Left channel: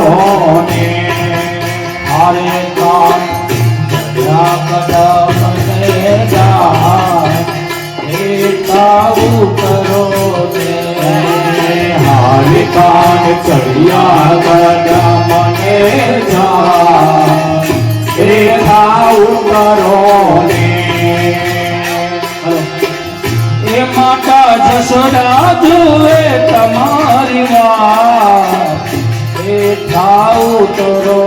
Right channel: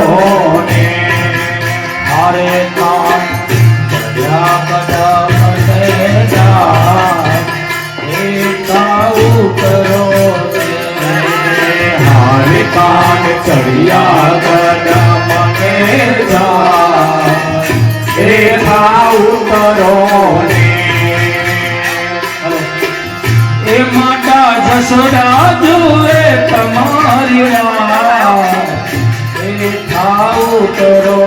ને હારે કાન ચડિયા કદમને જાય એ તારું કરો ને હારે કાન ચડિયા કદમને જાય એ તારું કરો ને એ માતા જશોદા જુએ તમારી વાત એ થાઉ કરો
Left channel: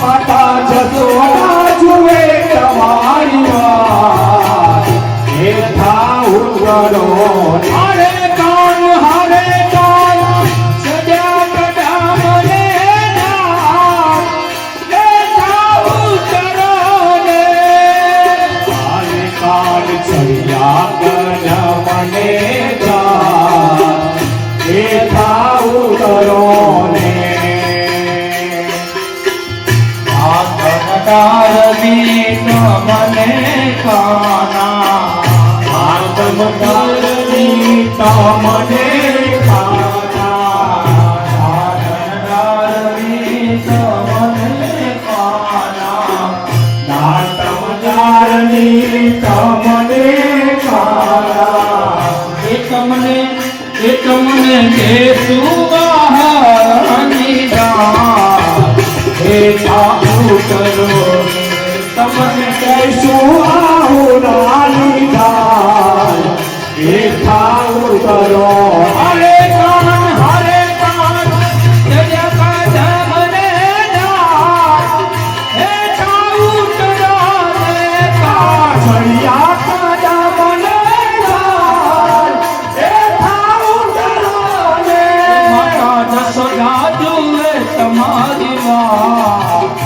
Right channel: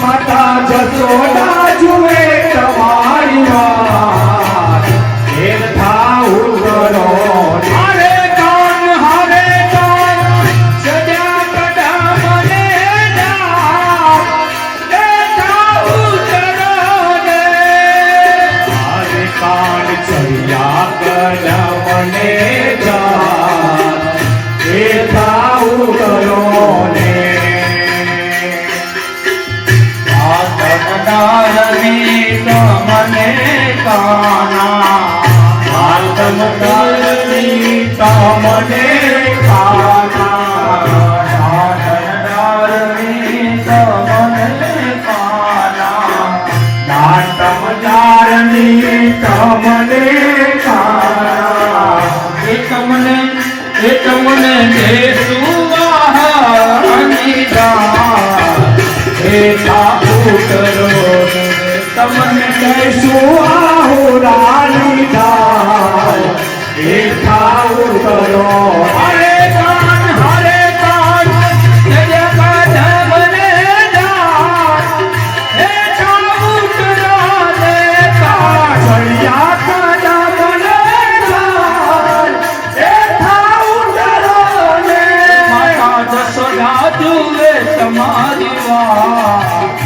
માતા જશોદા જુએ તમારી વાત એ થાઉ કરો હારે કાન સજા કડામને જાય એ થાઉ કરો ને હારે કાન ચડિયા કદમને જાય એ થાઉ કરો ને આત્મકારની તમને કાના આત્મકારની તમને કાના આત્મકારની તમને કાના આત્મકારની તમને એ તમને દેશું વાહની એ તાપુ કરો તમને કહેશું આહુરાની દાય એ તાપુ કરો હરે કાન કદમને જાય એ તાપુ કરો ને ચડિયા કદમને જાય એ તાપુ કરો ને માતા જશોદા જુએ તમારી વાત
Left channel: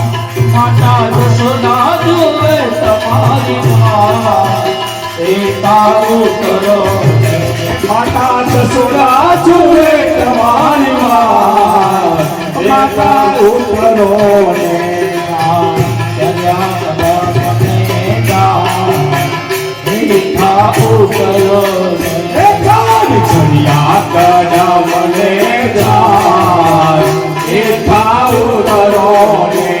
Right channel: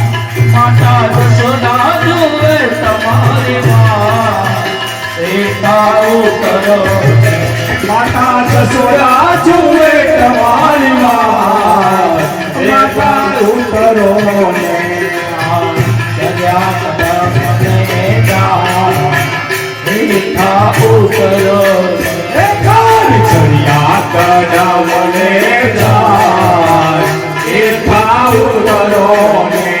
માતા જશોદા જુએ તમારી વાત એ તારું કરો માતા જશોદા જુએ તમારી વાત એ તારું કરો કરો એ કાન ચડિયા કદમને જાય એ થાઉ કરો ને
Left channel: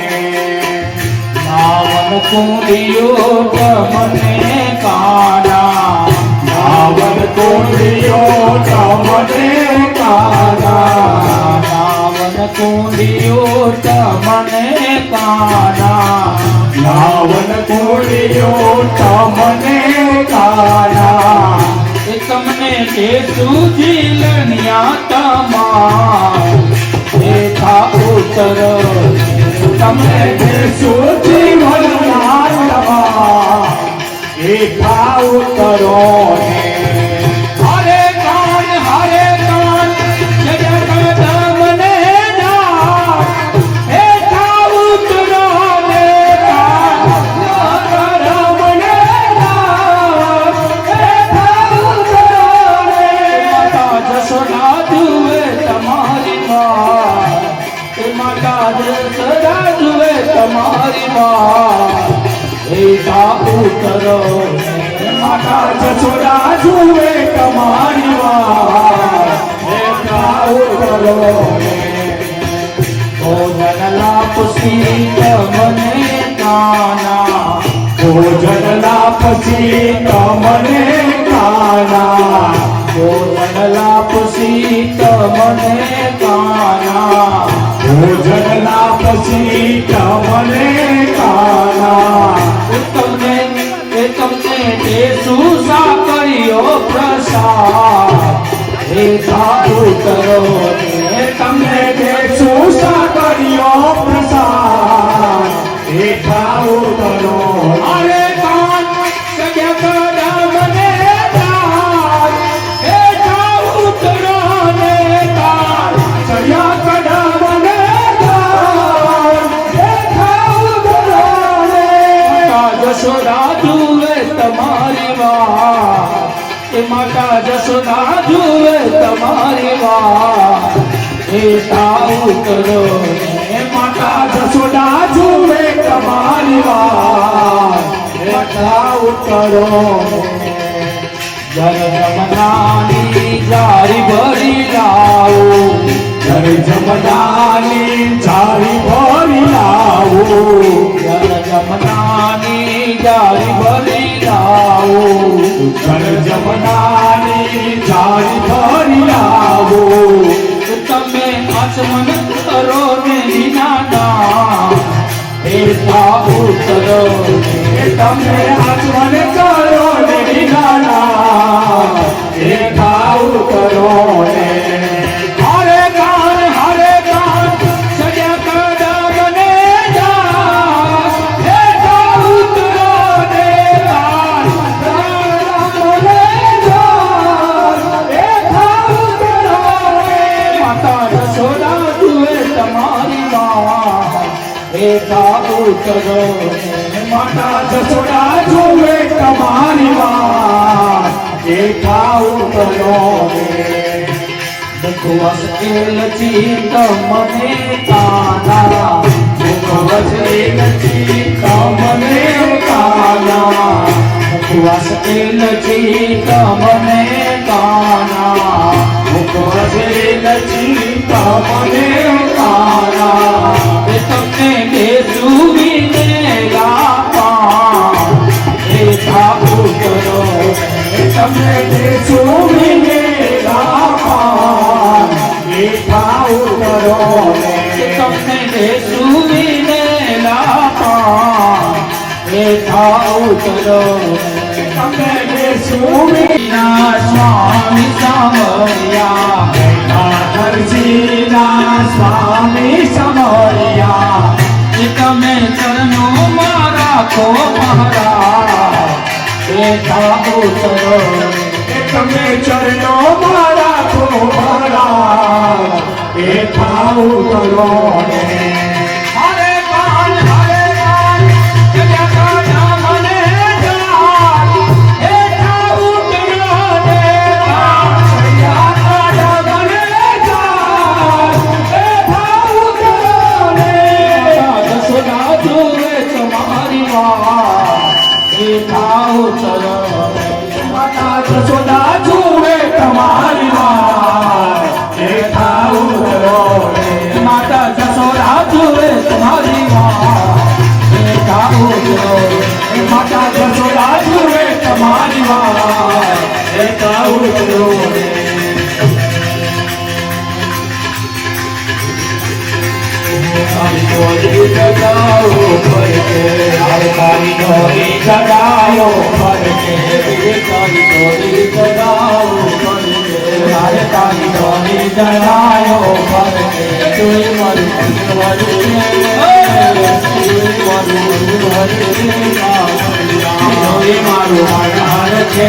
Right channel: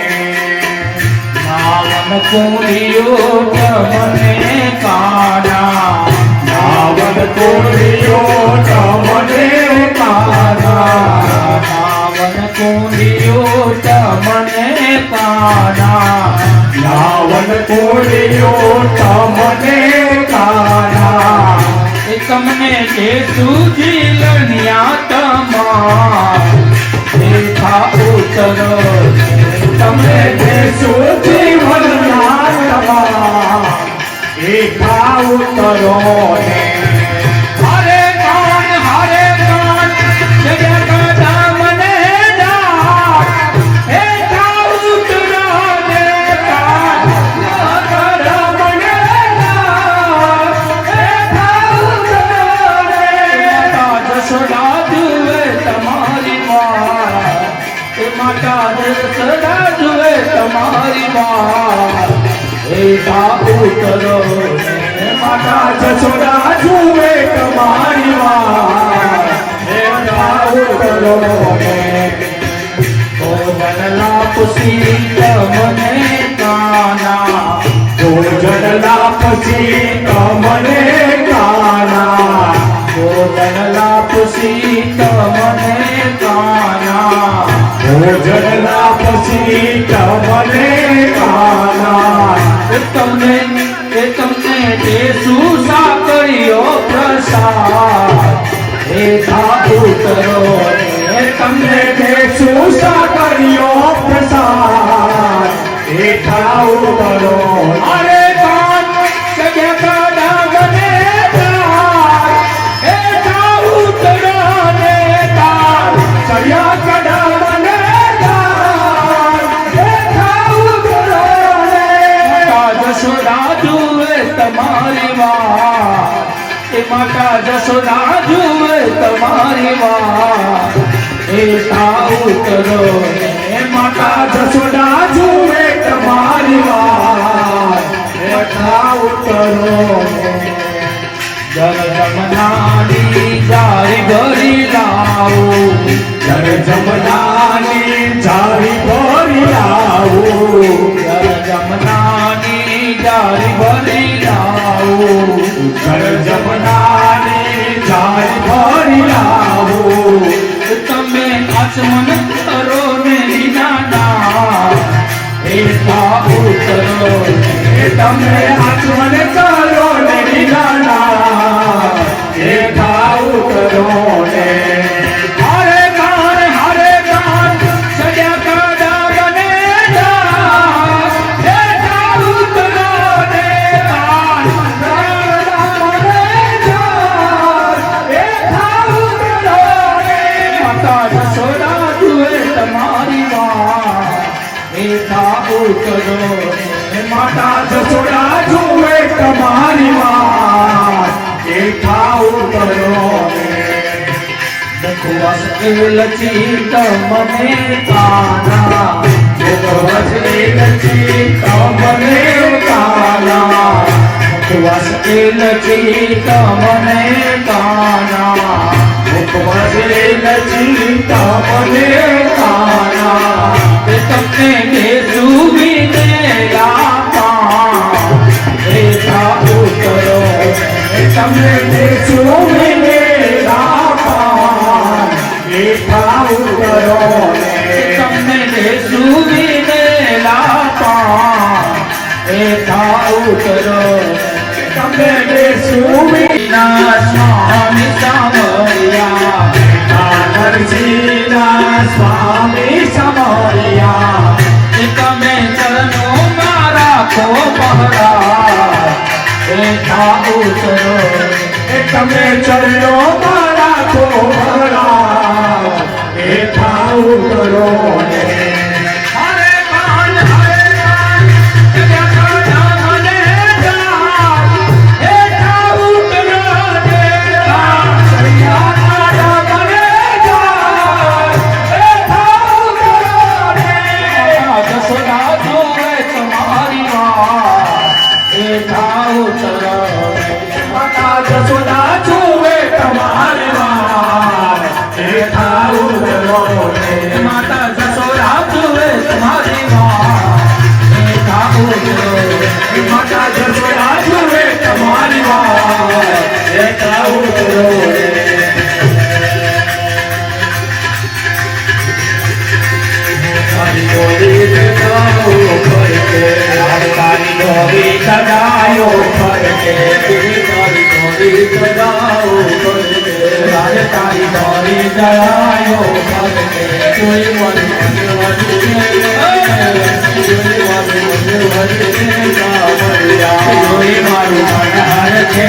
માવન કુંડિયો તમને કાના માવન કુંડિયો તમને કાના માવન કુંડિયો તમને કાના માવન કુંડિયો તમને કાના એ તમને કે સુજીલન્યા તમા એ થાઉ કરો તમને દેશું જીવનના તમા એ થાઉ કરો ને હરે કાન જગત કદમને જાય એ થાઉ કરો ને કદમને જાય એ થાઉ કરો ને માતા જશોદા જુએ તમારી વાત માતા જશોદા જુએ તમારી વાત એ થાઉ કરો માતા જશોદા જુએ તમારી વાત એ થાઉ કરો ભોજનલા પુસી તમને કાના ભોજનલા પુસી તમને કાના ભોજનલા પુસી તમને કાના ભોજનના પછી તમને કાના એ તમને દેશું સાકરીઓ પ્રસાદ એ થાઉ કરો એ તમને દેશું સાકરીઓ પ્રસાદ એ થાઉ કરો અરે કાન જગ્યા કદમને જાય એ થાઉ કરો ને ચડિયા કદમને જાય એ થાઉ કરો ને જશોદા જુએ તમારી વાત એ માતા જશોદા જુએ તમારી વાત એ થાઉ કરો એ માતા જશોદા જુએ તમારી વાત એ થાઉ કરો જન જમનાની જારી ભરી લાવો જન જમનાની જારી ભરી લાવો જમનાની જારી ભરી લાવો જમનાની જારી ભરી લાવો તમે આચમન કરો ને વિનાના એકા ઉતરો તમે આચમન કરો ને વિનાના એકા ઉતરો ને હરે ગાન સજા કડા ગને જા એકા ઉતરો ને ગાન માતા જશોદા જુએ તમારી માં એકા ઉતરો માતા જશોદા જુએ તમારી માં એકા ઉતરો મુખવાસ લચી તો મને કાના મુખવાસ લચી તો મને કાના મુખવાસ લચી તો મને કાના મુખવાસ લચી તો મને કાના તમને બેસુવી દેલા એકા ઉતરો તમને બેસુવી દેલા એકા ઉતરો તમને બેસુવી દેલા એકા ઉતરો તમને બેસુવી ના સ્વામી સામયા નરસિંહના સ્વામી સમયા તમે ચરણો મારા કો પહરા એકા ઉતરો તમે ચરણો મારા કોરા એકા ઉતરો હરે કાન સજા કડા મને જા એકા ઉતરો ને સજા કડા મને જા એકા ઉતરો ને જશોદા જુએ તમારી માં એકા ઉતરો માતા જશોદા જુએ તમારી માં એકા ઉતરો માતા જશોદા જુએ તમારી માં એકા ઉતરો માતા જશોદા જુએ તમારી માં એકા ઉતરો તારી ગોરી જગાયો ફરકે તારી ગોરી જગાયો તારે તારી ગોરી જગાયો ફરકે કોઈ મારું જોઈ મારું મનહર છે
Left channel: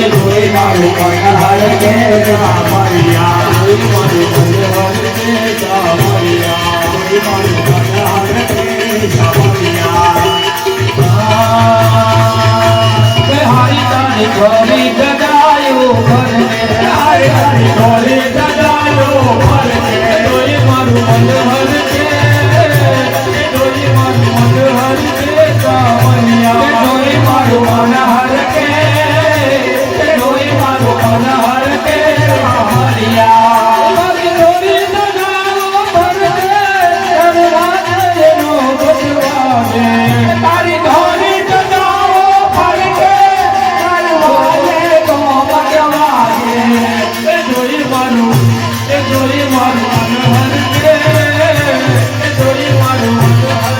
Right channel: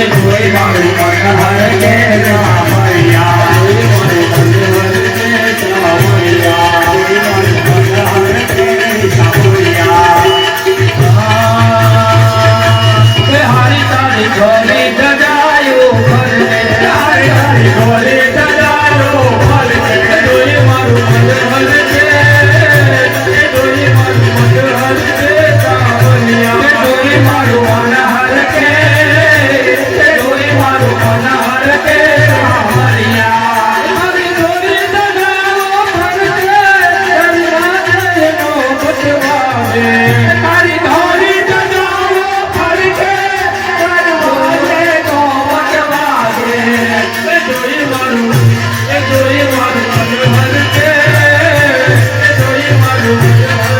જોઈ મારું મનહર છે રામૈયા જોઈ મારું મનહર છે રામૈયા જોઈ મારું મનહર છે રામૈયા હારી તારી ગોરી જગાયો તારી તારી ગોરી જગાયો ફરકે કોઈ મારું મનહર છે કોઈ મારું મનહર છે સાવલિયા કોઈ મારું મનહર છે કોઈ મારું મનહર છે સાવલિયા મારી ગોરી જગાયો ફરકે બચવાજે તારી ગોરી જગાવો ફરકે તો બચવાજે જોઈ મારું મનહર છે જોઈ મારું મનહર છે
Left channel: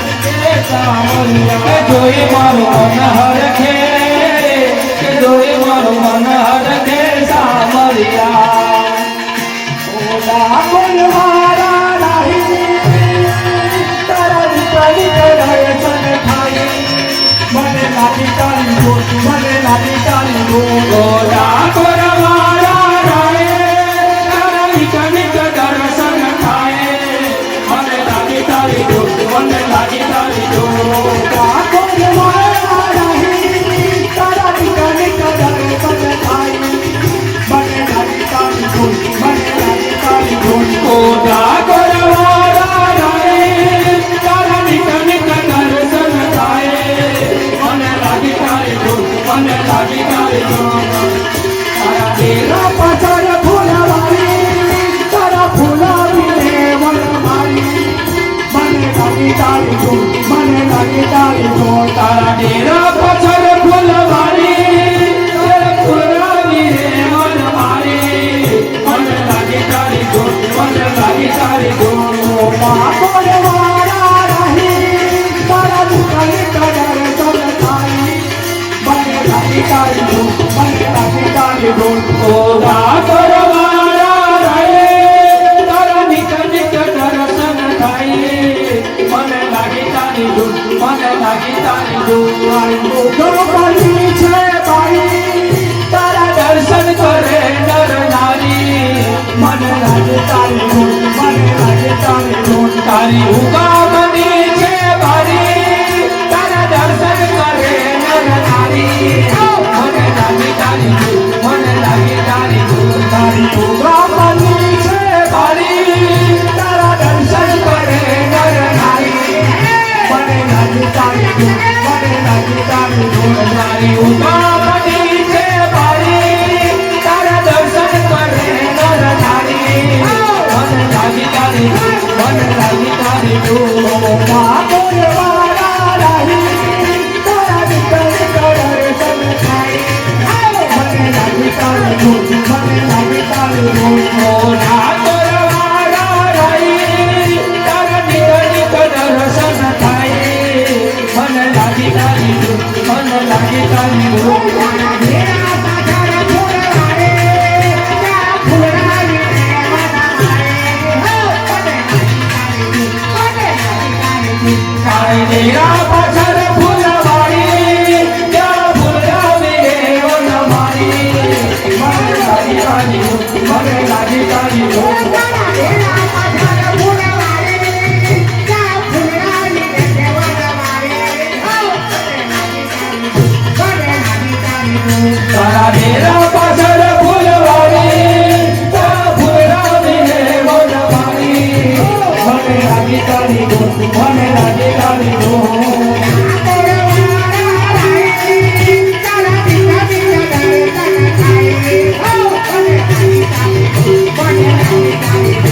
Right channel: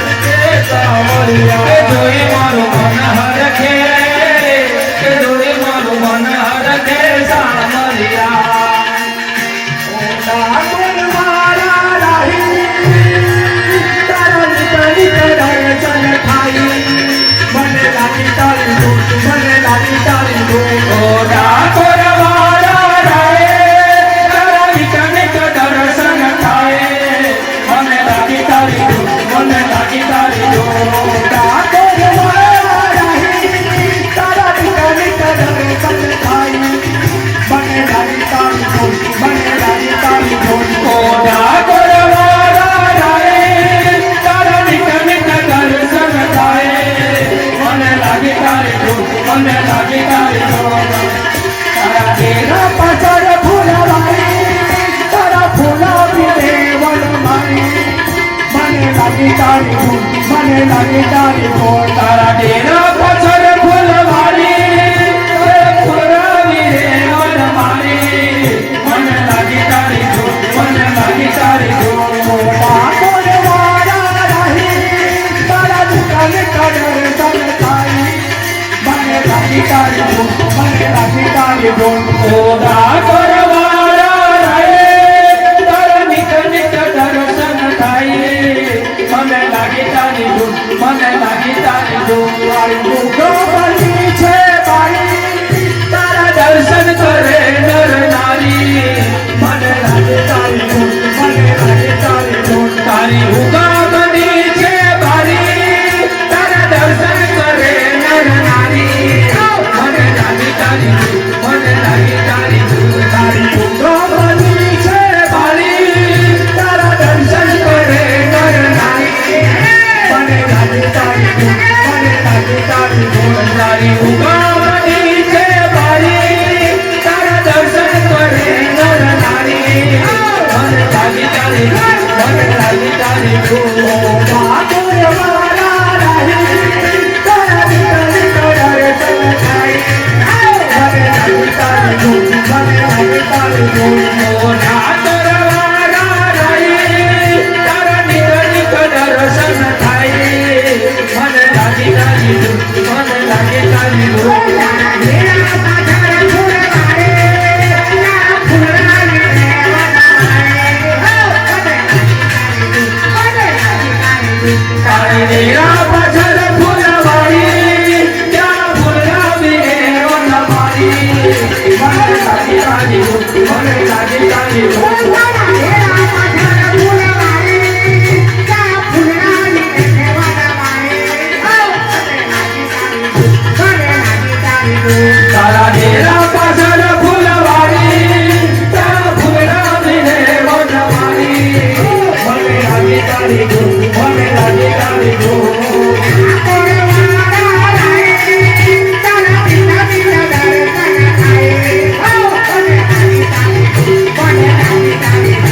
સાવલિયા જોઈ મારું મનહર છે જોઈ મારું મનહર છે સાવલિયા ગોરા ગોરવાળા રાય તારી કનિક દર્શન થાય મને લાગી તારી દુઃખ મને લાગી તારી દુઃખ ગોરા ગોરવાળા રાય તારી કનિક દર્શન થાય મને લાગી તારી દુઃખ મને લાગી તારી દુઃખ તારા દેહ પાછળ ફૂલ ઉભા કરવાળા રાયે તારા નિત નિત દર્શન થાય મને લાગી તારી ધૂન મને લાગી તારી ધૂન ગોપની છે બાઈ તારા દર્શન કરે નર નારી મને લાગે તારી ધૂન મને લાગે તારી ધૂન તારી ઉગામની છે બારી તારા દર્શન કરે નર નારી મને લાગી તારી ધૂન મને લાગી તારી ધૂન તારી ગોપની છે બારી તારા દર્શન કરે નર નારી મને લાગે તારી ધૂન મને લાગે તારી ધૂન તારી ઉગામની છે બારી તારા દર્શન કરે નર નારી મને લાગી તારી ધૂન મને લાગી તારી ધૂન વાળા રાહી તારા નિકલી દર્શન થાય મને લાગે તારી ધૂન મને લાગે તારી ધૂન મોઢા કરવાળા રાઈ તારા નિત નિત દર્શન થાય મને લાગી તારી ધૂન મને લાગી તારી ધૂન તારી ડેરા પાછળ ફૂલવાડી ત્યાં ફૂલરાવી રે વનવાડી મને લાગી તારી ધૂન મને લાગી તારી ધૂન તારા ડેરા પાછળ ફૂલવાડી ત્યાં ફૂલરાવી રે વનવાડી મને લાગી તારી ધૂન મને લાગી તારી ધૂન મને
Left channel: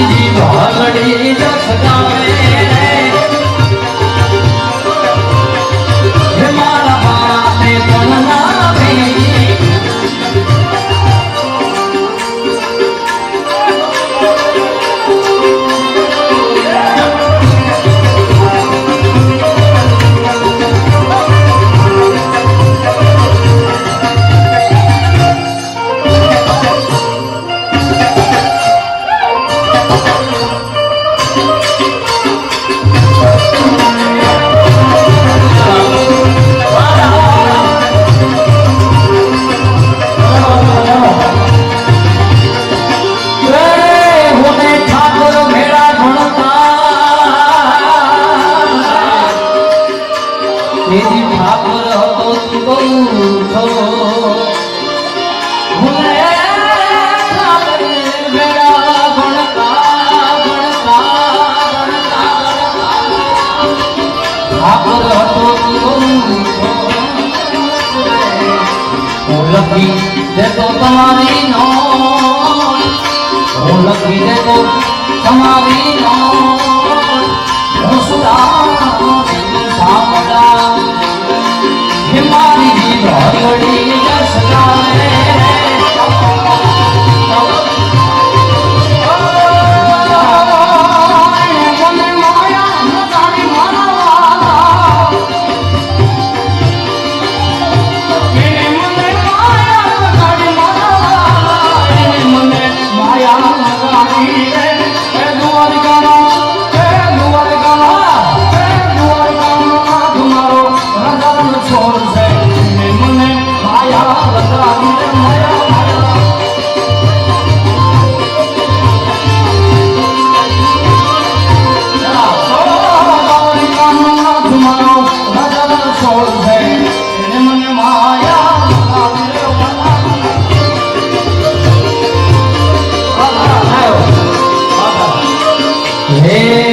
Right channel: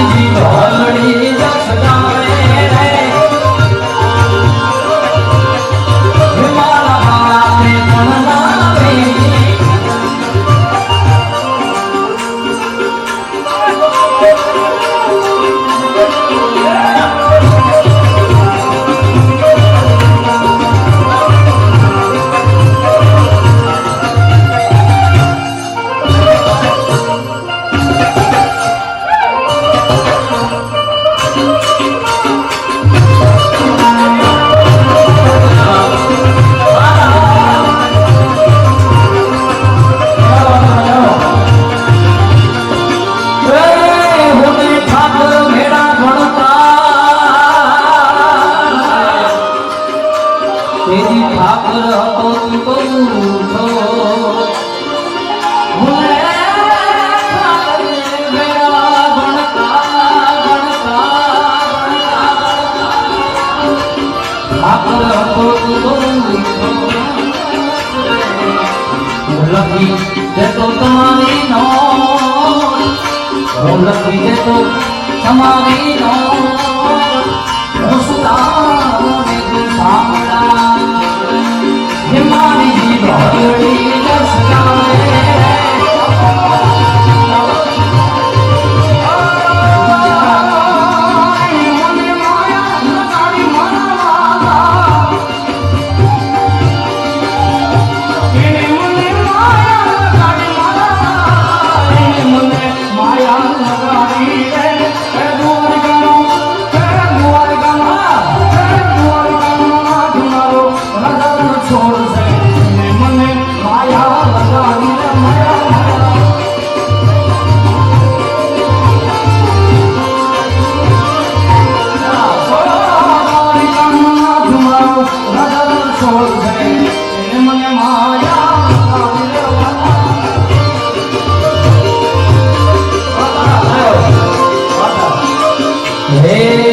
મારી ભગડી જસ ગાવે રે હે મારા બાપે પણ નાવે તેજી ઠાકોર હતો તું બહુ છો ભૂલે ઠાકોર મેરા ગણતા ઠાકોર હતો તું બહુ છો લખી દેતો તમારી નો લખી દેતો તમારી નો મારી ભગડી જસ ગાવે Hey,